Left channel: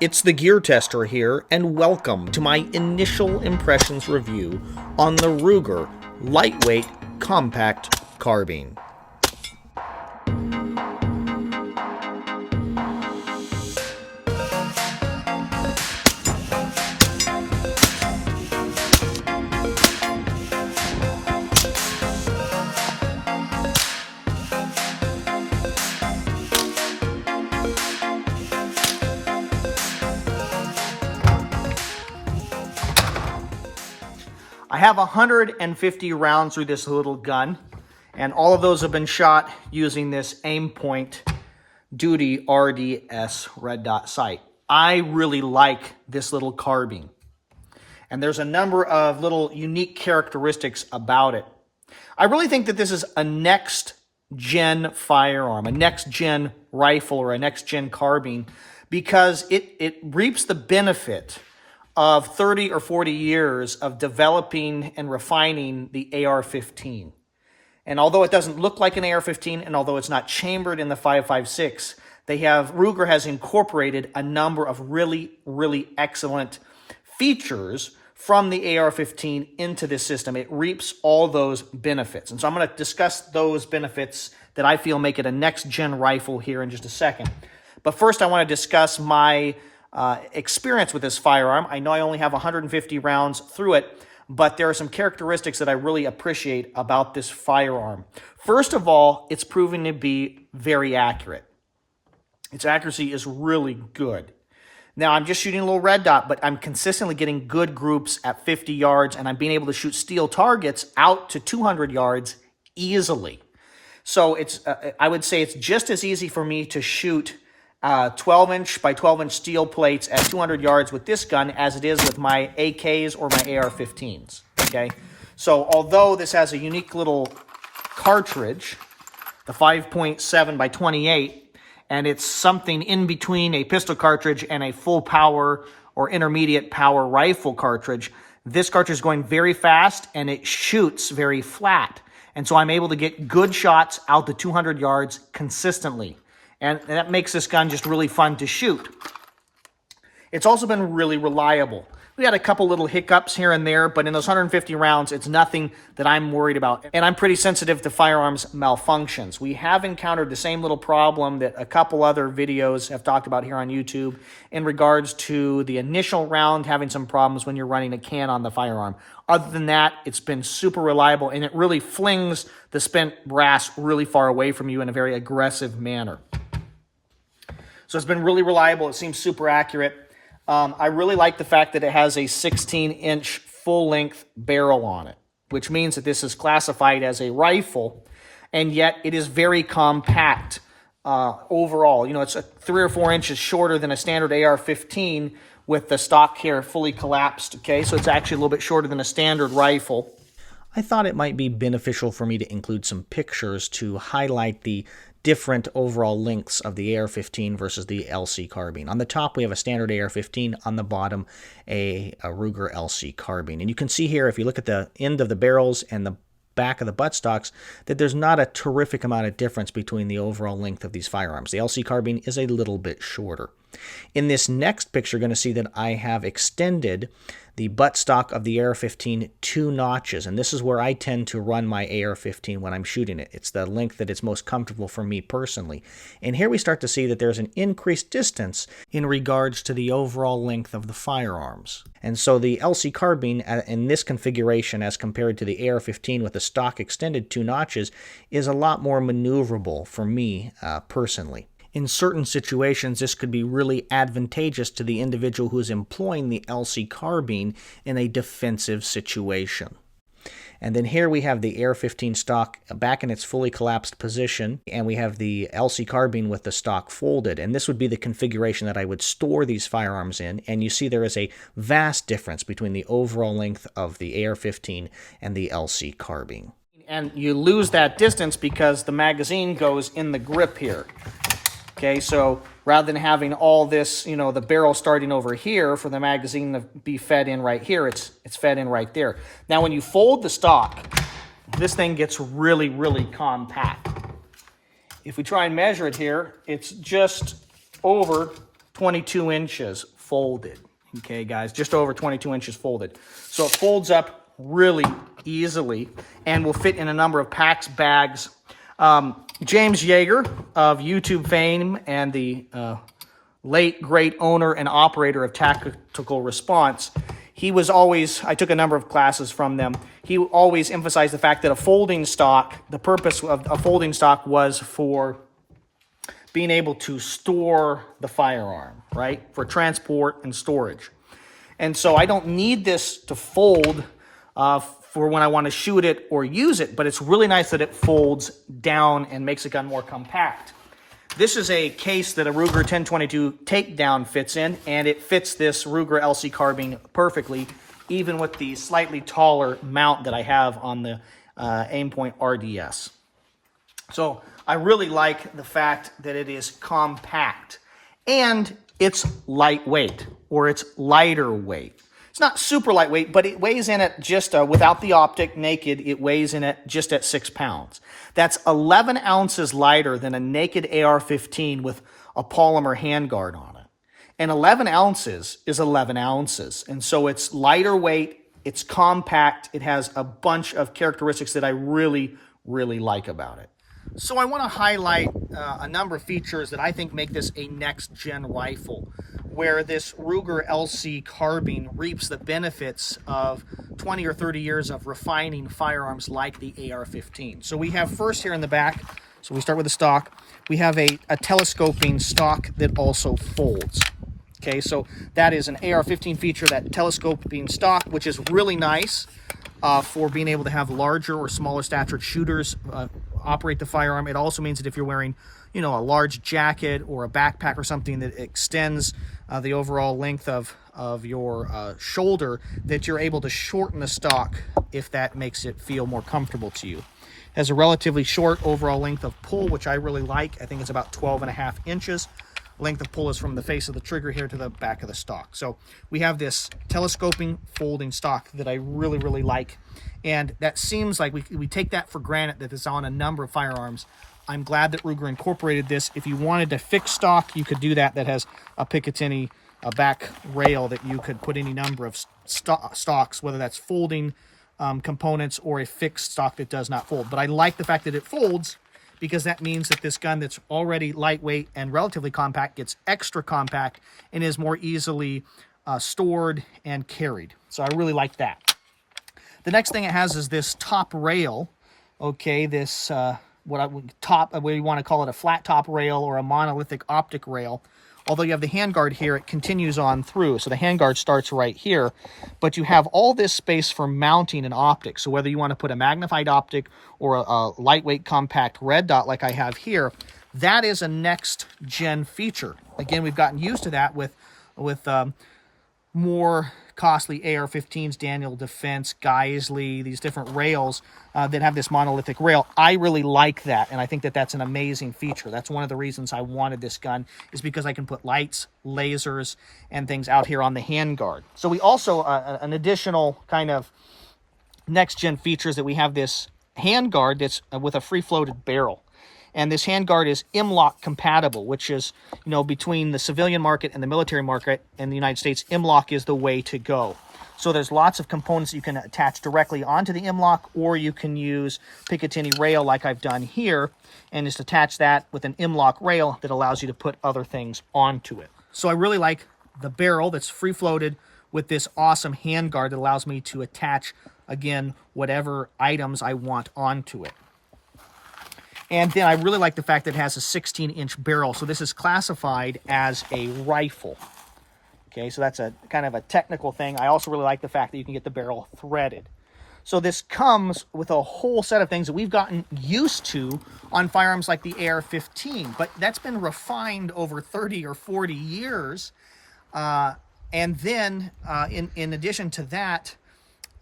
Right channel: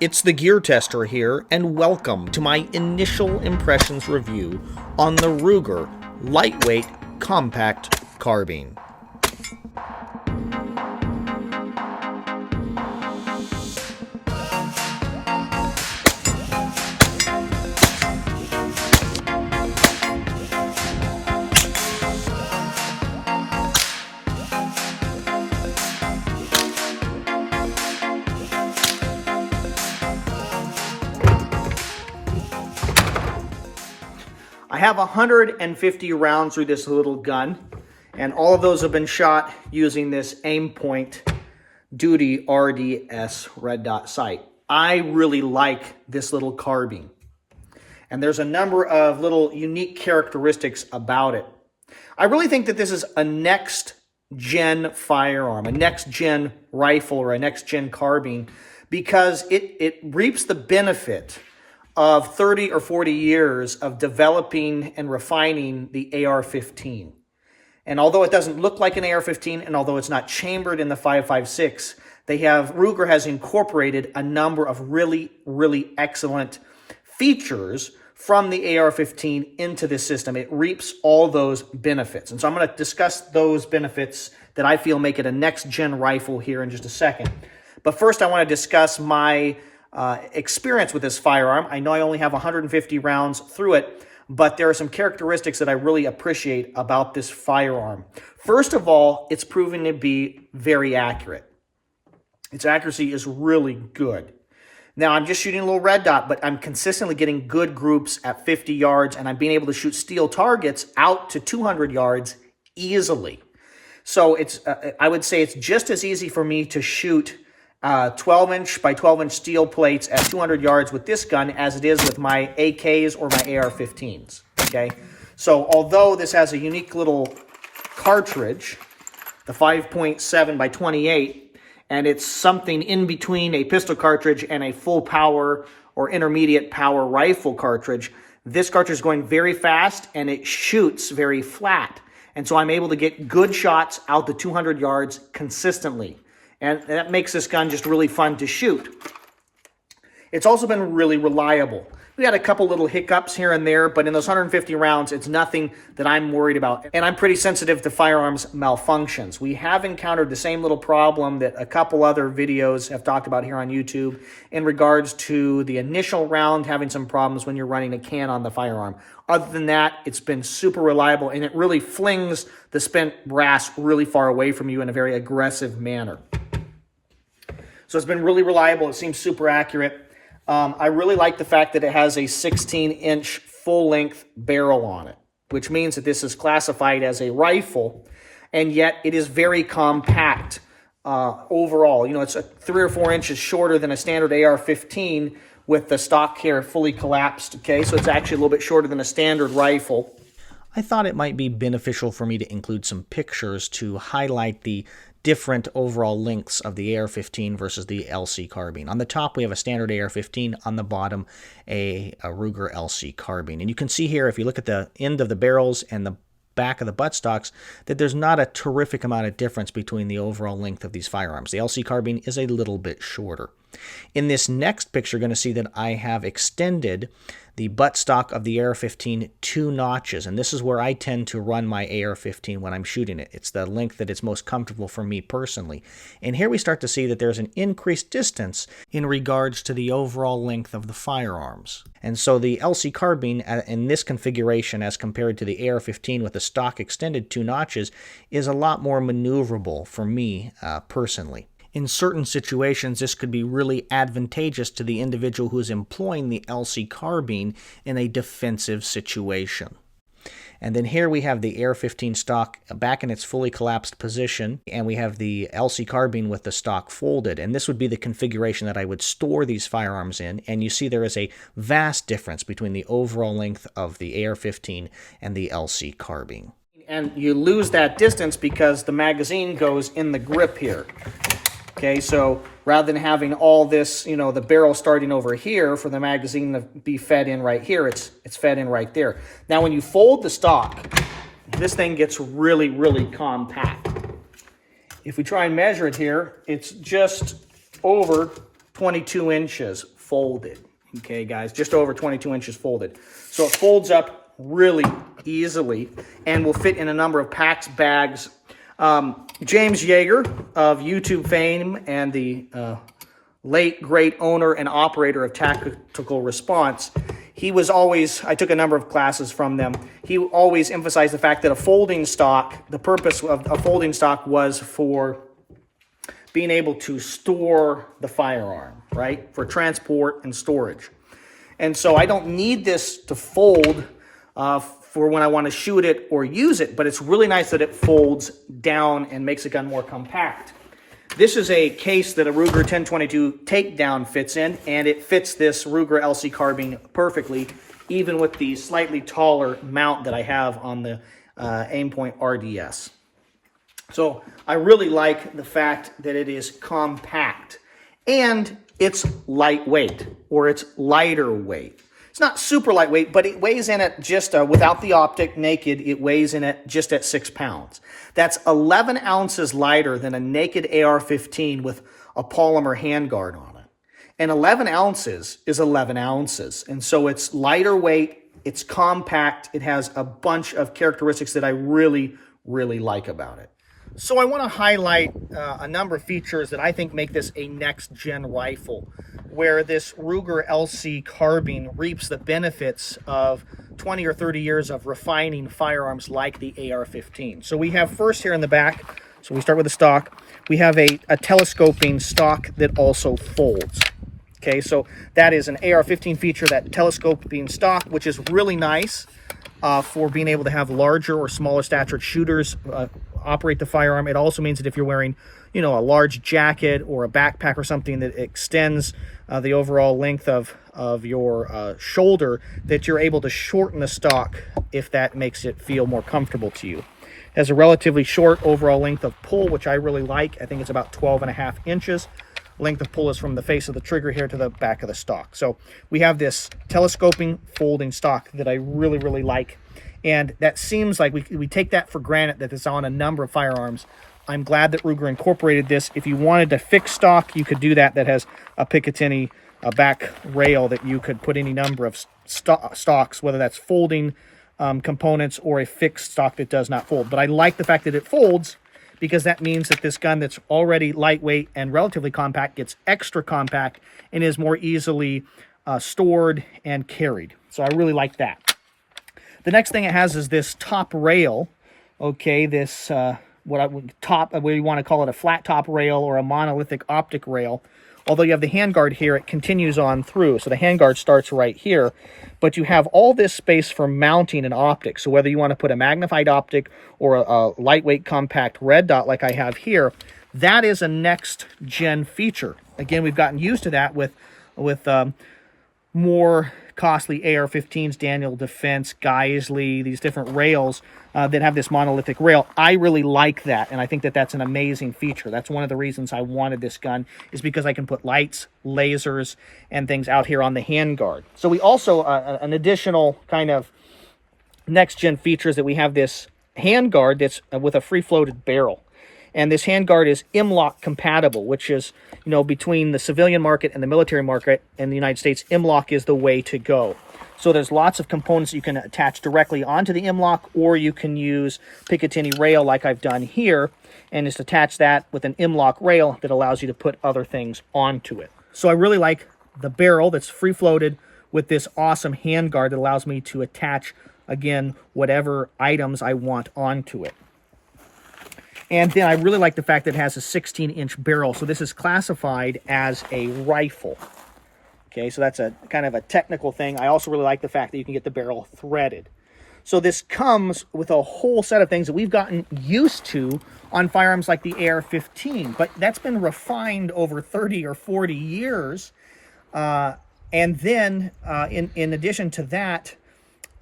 It's the Gear Tester here, and welcome to my initial impressions review on the Ruger Lightweight Compact Carbine. I have 150 rounds through this little gun, and all of those have been shot using this Aimpoint Duty RDS red dot sight. I really like this little carbine, and there's a number of little unique characteristics about it. I really think that this is a next-gen firearm, a next-gen rifle, or a next-gen carbine, because it reaps the benefit of 30 or 40 years of developing and refining the AR-15. And although it doesn't look like an AR-15, and although it's not chambered in the 5.56, Ruger has incorporated a number of really, really excellent features from the AR-15 into this system. It reaps all those benefits. And so I'm going to discuss those benefits that I feel make it a next-gen rifle here in just a second. But first, I want to discuss my experience with this firearm. I know I only have 150 rounds through it, but there are some characteristics that I really appreciate about this firearm. First of all, it's proven to be very accurate. Its accuracy is really good. Now, I'm just shooting a little red dot, but I'm consistently getting good groups at 50 yards, and I'm being able to shoot steel targets out to 200 yards easily. So I would say it's just as easy for me to shoot 12-inch by 12-inch steel plates at 200 yards with this gun as it is with my AKs or my AR-15s, okay? So although this has a unique little cartridge, the 5.7 by 28, and it's something in between a pistol cartridge and a full power or intermediate power rifle cartridge, this cartridge is going very fast and it shoots very flat. And so I'm able to get good shots out to 200 yards consistently. And that makes this gun just really fun to shoot. It's also been really reliable. We had a couple little hiccups here and there, but in those 150 rounds, it's nothing that I'm worried about. And I'm pretty sensitive to firearms malfunctions. We have encountered the same little problem that a couple other videos have talked about here on YouTube in regards to the initial round having some problems when you're running a can on the firearm. Other than that, it's been super reliable, and it really flings the spent brass really far away from you in a very aggressive manner. So it's been really reliable. It seems super accurate. I really like the fact that it has a 16-inch full-length barrel on it, which means that this is classified as a rifle, and yet it is very compact overall. You know, it's 3 or 4 inches shorter than a standard AR-15 with the stock here fully collapsed, okay? So it's actually a little bit shorter than a standard rifle. I thought it might be beneficial for me to include some pictures to highlight the different overall lengths of the AR-15 versus the LC carbine. On the top, we have a standard AR-15. On the bottom, a Ruger LC carbine. And you can see here, if you look at the end of the barrels and the back of the buttstocks, that there's not a terrific amount of difference between the overall length of these firearms. The LC carbine is a little bit shorter. In this next picture, you're going to see that I have extended the buttstock of the AR-15 2 notches, and this is where I tend to run my AR-15 when I'm shooting it. It's the length that it's most comfortable for me personally. And here we start to see that there's an increased distance in regards to the overall length of the firearms. And so the LC carbine in this configuration as compared to the AR-15 with the stock extended 2 notches is a lot more maneuverable for me personally. In certain situations, this could be really advantageous to the individual who is employing the LC carbine in a defensive situation. And then here we have the AR-15 stock back in its fully collapsed position, and we have the LC carbine with the stock folded. And this would be the configuration that I would store these firearms in. And you see there is a vast difference between the overall length of the AR-15 and the LC carbine. And you lose that distance because the magazine goes in the grip here. Okay, so rather than having all this, you know, the barrel starting over here for the magazine to be fed in right here, it's fed in right there. Now, when you fold the stock, this thing gets really, really compact. If we try and measure it here, it's just over 22 inches folded. Okay, guys, just over 22 inches folded. So it folds up really easily and will fit in a number of packs, bags. James Yeager of YouTube fame and the late great owner and operator of Tactical Response, he was always, I took a number of classes from them, he always emphasized the fact that a folding stock, the purpose of a folding stock was for being able to store the firearm, right? For transport and storage. And so I don't need this to fold for when I want to shoot it or use it, but it's really nice that it folds down and makes the gun more compact. This is a case that a Ruger 1022 takedown fits in, and it fits this Ruger LC carbine perfectly, even with the slightly taller mount that I have on the Aimpoint RDS. So I really like the fact that it is compact, and it's lightweight, or it's lighter weight. It's not super lightweight, but it weighs in at just, without the optic, naked, it weighs in at just at 6 pounds. That's 11 ounces lighter than a naked AR-15 with a polymer handguard on it. And 11 ounces is 11 ounces. And so it's lighter weight, it's compact, it has a bunch of characteristics that I really, really like about it. So I want to highlight a number of features that I think make this a next-gen rifle, where this Ruger LC carbine reaps the benefits of 20 or 30 years of refining firearms like the AR-15. So we have first here in the back, so we start with the stock, we have a telescoping stock that also folds. Okay, so that is an AR-15 feature, that telescoping stock, which is really nice for being able to have larger or smaller statured shooters operate the firearm. It also means that if you're wearing, you know, a large jacket or a backpack or something that extends the overall length of your shoulder, that you're able to shorten the stock if that makes it feel more comfortable to you. It has a relatively short overall length of pull, which I really like. I think it's about 12.5 inches. Length of pull is from the face of the trigger here to the back of the stock. So we have this telescoping folding stock that I really, really like. And that seems like we take that for granted, that it's on a number of firearms. I'm glad that Ruger incorporated this. If you wanted to fix stock, you could do that. That has a Picatinny back rail that you could put any number of stocks, whether that's folding components or a fixed stock that does not fold. But I like the fact that it folds, because that means that this gun that's already lightweight and relatively compact gets extra compact and is more easily stored and carried. So I really like that. The next thing it has is this top rail. Okay, this what you want to call it, a flat top rail or a monolithic optic rail. Although you have the handguard here, it continues on through. So the handguard starts right here, but you have all this space for mounting an optic. So whether you want to put a magnified optic or a lightweight compact red dot like I have here, that is a next-gen feature. Again, we've gotten used to that with more costly AR-15s, Daniel Defense, Geisley, these different rails that have this monolithic rail. I really like that, and I think that that's an amazing feature. That's one of the reasons I wanted this gun, is because I can put lights, lasers, and things out here on the handguard. So we also, an additional kind of next-gen features, that we have this handguard that's with a free-floated barrel. And this handguard is M-LOK compatible, which is, you know, between the civilian market and the military market in the United States, M-LOK is the way to go. So there's lots of components you can attach directly onto the M-LOK, or you can use Picatinny rail like I've done here, and just attach that with an M-LOK rail that allows you to put other things onto it. So I really like the barrel that's free-floated with this awesome handguard that allows me to attach, again, whatever items I want onto it. And then I really like the fact that it has a 16-inch barrel. So this is classified as a rifle. Okay, so that's a kind of a technical thing. I also really like the fact that you can get the barrel threaded. So this comes with a whole set of things that we've gotten used to on firearms like the AR-15, but that's been refined over 30 or 40 years. And then in addition to that,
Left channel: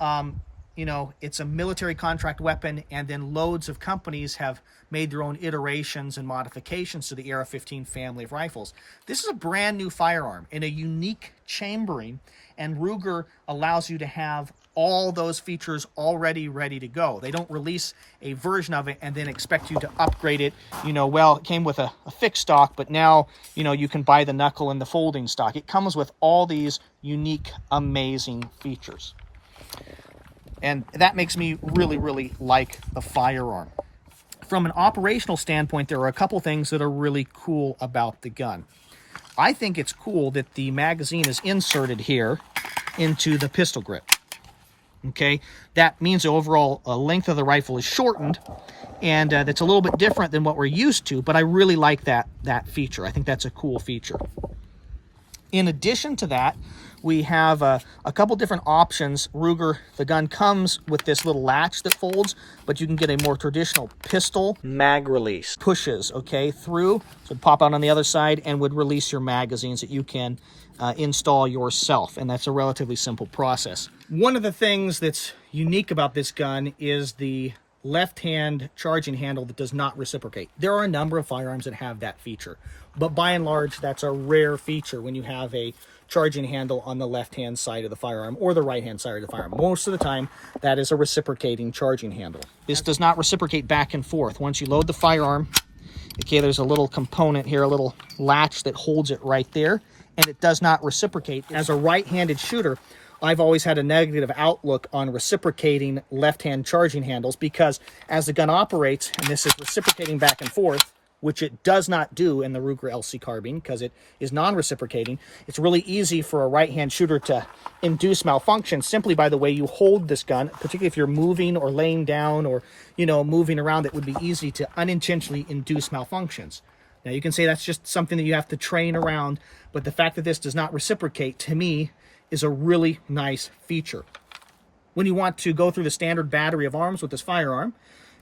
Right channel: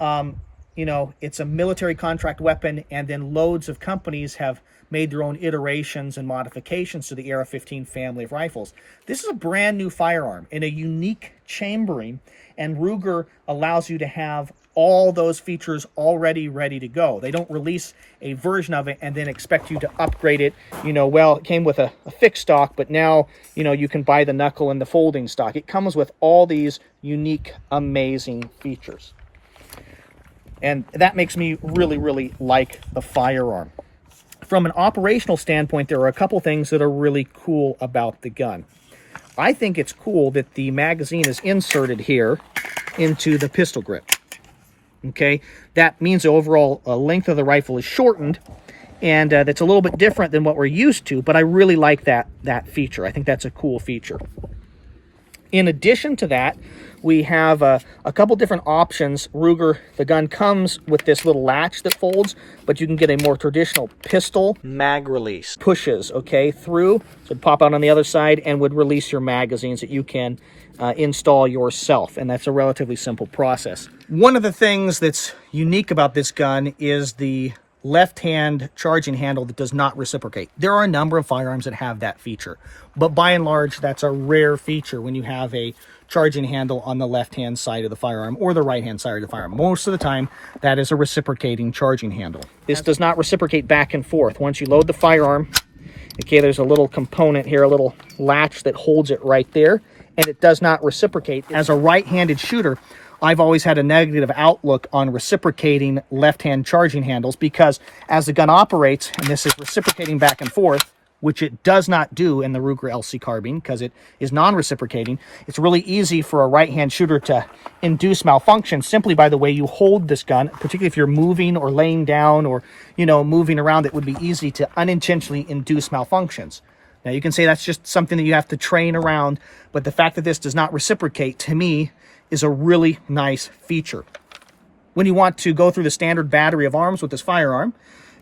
you know, it's a military contract weapon, and then loads of companies have made their own iterations and modifications to the AR-15 family of rifles. This is a brand new firearm in a unique chambering, and Ruger allows you to have all those features already ready to go. They don't release a version of it and then expect you to upgrade it. You know, well, it came with a fixed stock, but now, you know, you can buy the knuckle and the folding stock. It comes with all these unique, amazing features. And that makes me really, really like the firearm. From an operational standpoint, there are a couple things that are really cool about the gun. I think it's cool that the magazine is inserted here into the pistol grip. Okay, that means the overall length of the rifle is shortened, and that's a little bit different than what we're used to, but I really like that feature. I think that's a cool feature. In addition to that, we have a couple different options. Ruger, the gun comes with this little latch that folds, but you can get a more traditional pistol mag release. Pushes, okay, through, so it'd pop out on the other side and would release your magazines that you can install yourself, and that's a relatively simple process. One of the things that's unique about this gun is the left-hand charging handle that does not reciprocate. There are a number of firearms that have that feature, but by and large, that's a rare feature when you have a charging handle on the left-hand side of the firearm or the right-hand side of the firearm. Most of the time, that is a reciprocating charging handle. This does not reciprocate back and forth. Once you load the firearm, okay, there's a little component here, a little latch that holds it right there, and it does not reciprocate. As a right-handed shooter, I've always had a negative outlook on reciprocating left-hand charging handles because as the gun operates, and this is reciprocating back and forth, which it does not do in the Ruger LC carbine because it is non-reciprocating, it's really easy for a right-hand shooter to induce malfunction simply by the way you hold this gun, particularly if you're moving or laying down or, you know, moving around. It would be easy to unintentionally induce malfunctions. Now, you can say that's just something that you have to train around, but the fact that this does not reciprocate, to me, is a really nice feature. When you want to go through the standard battery of arms with this firearm,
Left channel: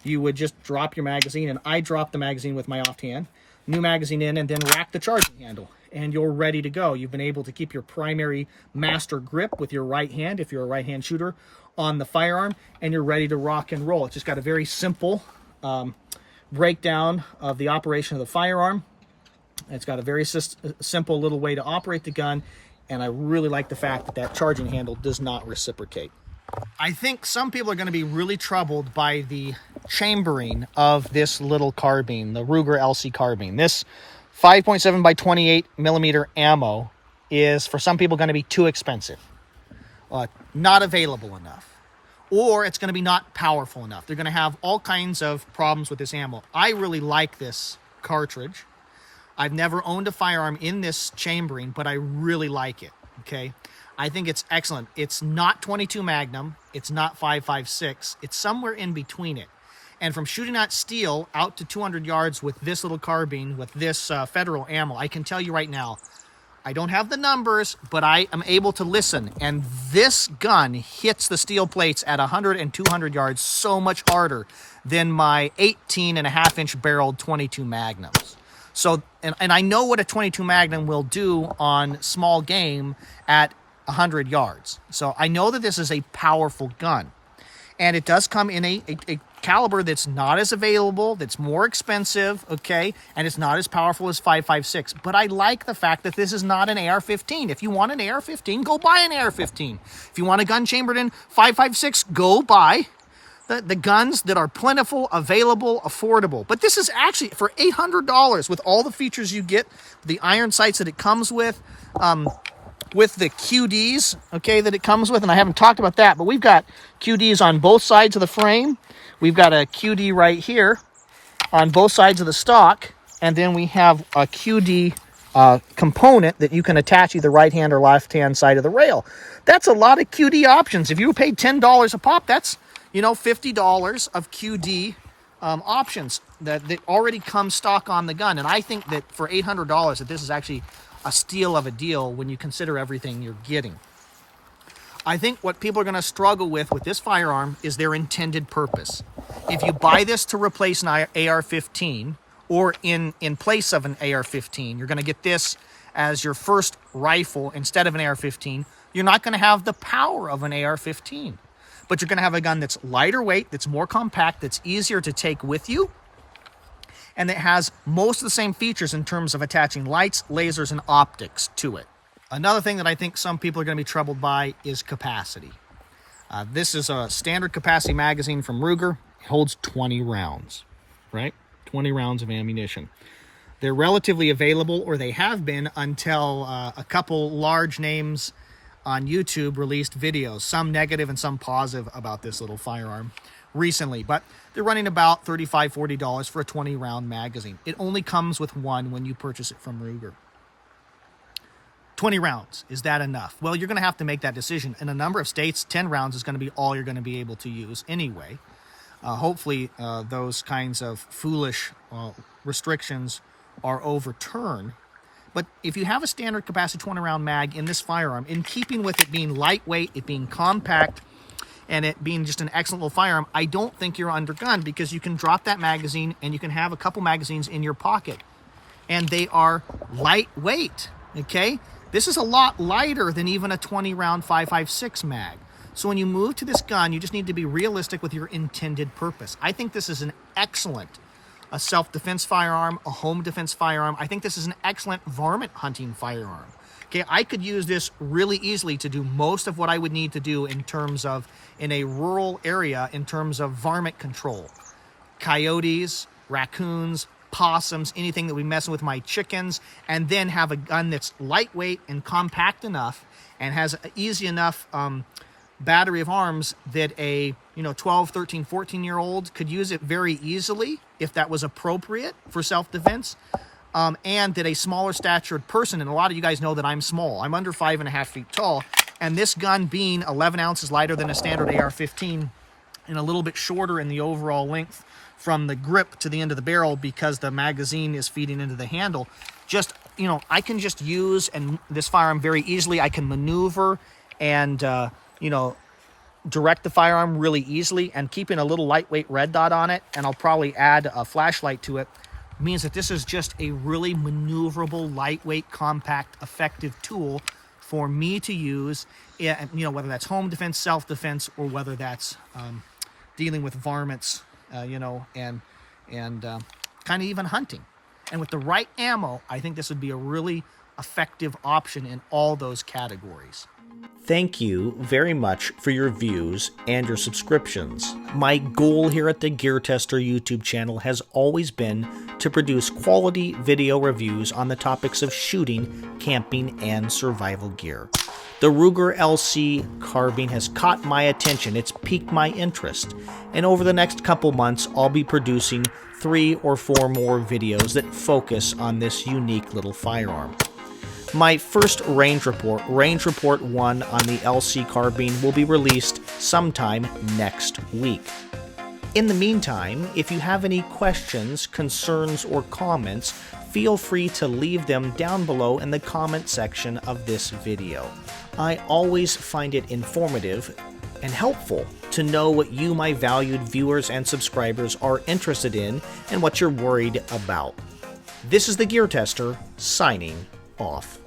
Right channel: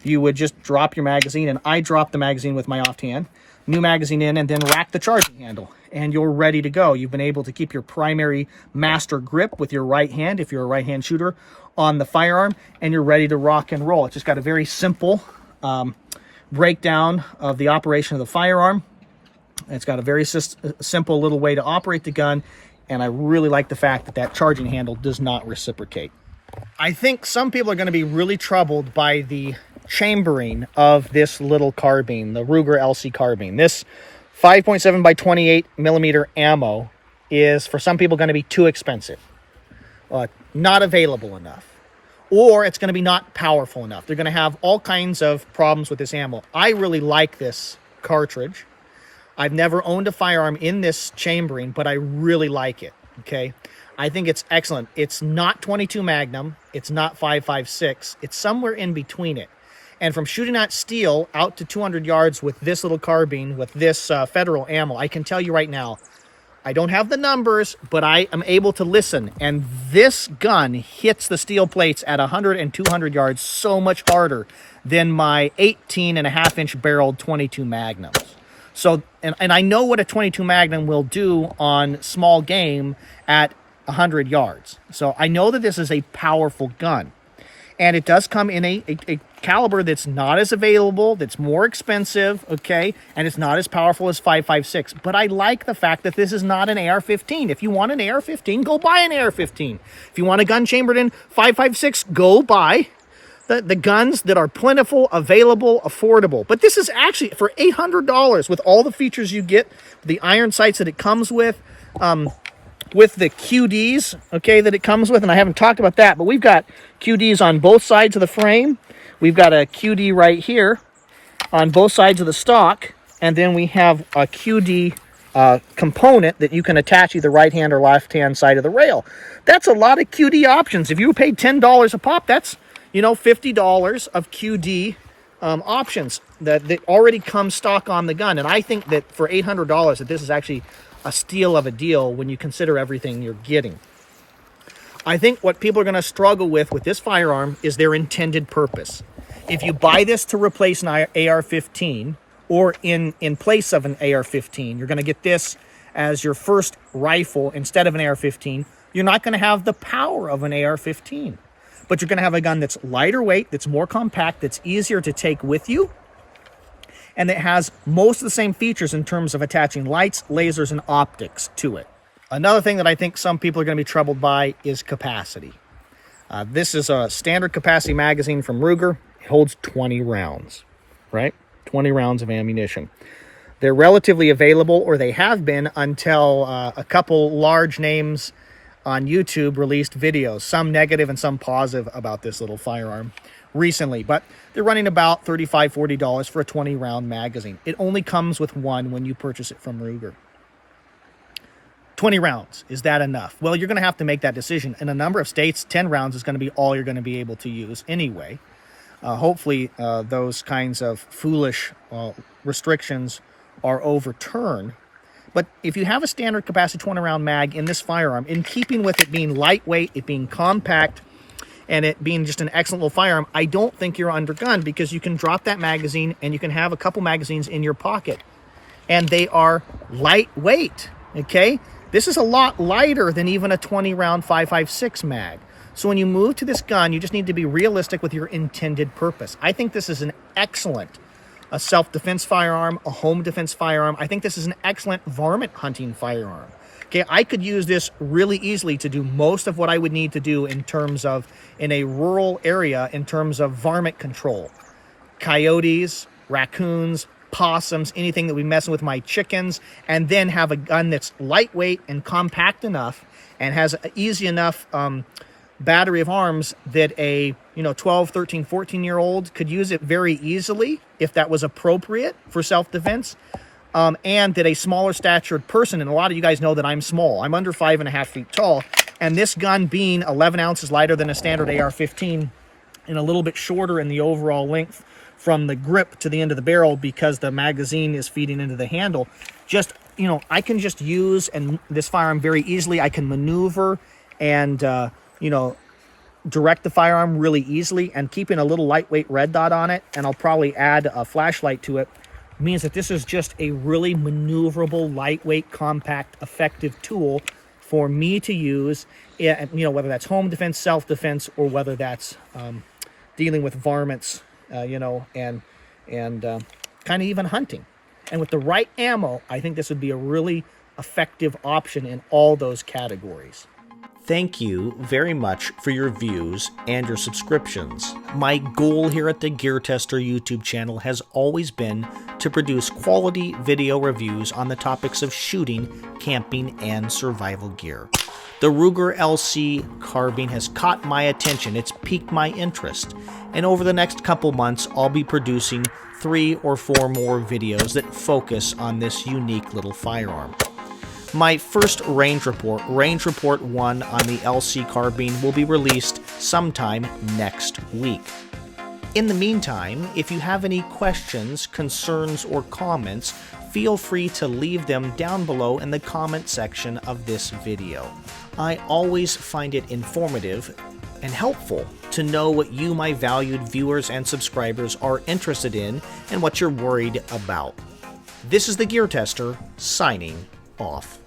you would just drop your magazine, and I drop the magazine with my offhand, new magazine in, and then rack the charging handle, and you're ready to go. You've been able to keep your primary master grip with your right hand, if you're a right-hand shooter, on the firearm, and you're ready to rock and roll. It's just got a very simple breakdown of the operation of the firearm. It's got a very simple little way to operate the gun, and I really like the fact that that charging handle does not reciprocate. I think some people are going to be really troubled by the chambering of this little carbine, the Ruger LC carbine. This 5.7 by 28 millimeter ammo is, for some people, going to be too expensive, not available enough, or it's going to be not powerful enough. They're going to have all kinds of problems with this ammo. I really like this cartridge. I've never owned a firearm in this chambering, but I really like it, okay? I think it's excellent. It's not 22 Magnum. It's not 5.56. It's somewhere in between it. And from shooting at steel out to 200 yards with this little carbine, with this federal ammo, I can tell you right now, I don't have the numbers, but I am able to listen. And this gun hits the steel plates at 100 and 200 yards so much harder than my 18.5-inch barreled 22 Magnums. So, and I know what a 22 Magnum will do on small game at 100 yards. So I know that this is a powerful gun. And it does come in a caliber that's not as available, that's more expensive, okay? And it's not as powerful as 5.56. But I like the fact that this is not an AR-15. If you want an AR-15, go buy an AR-15. If you want a gun chambered in 5.56, go buy the guns that are plentiful, available, affordable. But this is actually for $800 with all the features you get, the iron sights that it comes with the QDs, okay, that it comes with. And I haven't talked about that, but we've got QDs on both sides of the frame. We've got a QD right here on both sides of the stock. And then we have a QD component that you can attach either right hand or left hand side of the rail. That's a lot of QD options. If you paid $10 a pop, that's, you know, $50 of QD options that already come stock on the gun. And I think that for $800 that this is actually a steal of a deal when you consider everything you're getting. I think what people are going to struggle with this firearm is their intended purpose. If you buy this to replace an AR-15 or in place of an AR-15, you're going to get this as your first rifle instead of an AR-15. You're not going to have the power of an AR-15, but you're going to have a gun that's lighter weight, that's more compact, that's easier to take with you, and it has most of the same features in terms of attaching lights, lasers, and optics to it. Another thing that I think some people are going to be troubled by is capacity. This is a standard capacity magazine from Ruger. It holds 20 rounds, right? 20 rounds of ammunition. They're relatively available, or they have been until a couple large names on YouTube released videos, some negative and some positive about this little firearm recently. But they're running about $35, $40 for a 20-round magazine. It only comes with one when you purchase it from Ruger. 20 rounds, is that enough? Well, you're going to have to make that decision. In a number of states, 10 rounds is going to be all you're going to be able to use anyway. Hopefully, those kinds of foolish restrictions are overturned. But if you have a standard capacity 20-round mag in this firearm, in keeping with it being lightweight, it being compact, and it being just an excellent little firearm, I don't think you're undergunned, because you can drop that magazine and you can have a couple magazines in your pocket. And they are lightweight, okay? This is a lot lighter than even a 20-round 5.56 mag. So when you move to this gun, you just need to be realistic with your intended purpose. I think this is an excellent self-defense firearm, a home defense firearm. I think this is an excellent varmint hunting firearm. Okay, I could use this really easily to do most of what I would need to do in terms of, in a rural area, in terms of varmint control. Coyotes, raccoons, possums, anything that we messing with my chickens, and then have a gun that's lightweight and compact enough and has an easy enough battery of arms that a 12, 13, 14-year-old could use it very easily if that was appropriate for self-defense, and that a smaller statured person, and a lot of you guys know that I'm small, I'm under 5.5 feet tall, and this gun being 11 ounces lighter than a standard AR-15 and a little bit shorter in the overall length from the grip to the end of the barrel because the magazine is feeding into the handle, just, I can just use this firearm very easily. I can maneuver and, direct the firearm really easily, and keeping a little lightweight red dot on it, and I'll probably add a flashlight to it, means that this is just a really maneuverable, lightweight, compact, effective tool for me to use, whether that's home defense, self-defense, or whether that's dealing with varmints, and kind of even hunting. And with the right ammo, I think this would be a really effective option in all those categories. Thank you very much for your views and your subscriptions. My goal here at the Gear Tester YouTube channel has always been to produce quality video reviews on the topics of shooting, camping, and survival gear. The Ruger LC carbine has caught my attention, it's piqued my interest, and over the next couple months I'll be producing 3 or 4 more videos that focus on this unique little firearm. My first Range Report 1 on the LC carbine, will be released sometime next week. In the meantime, if you have any questions, concerns, or comments, feel free to leave them down below in the comment section of this video. I always find it informative and helpful to know what you, my valued viewers and subscribers, are interested in and what you're worried about. This is the Gear Tester, signing off.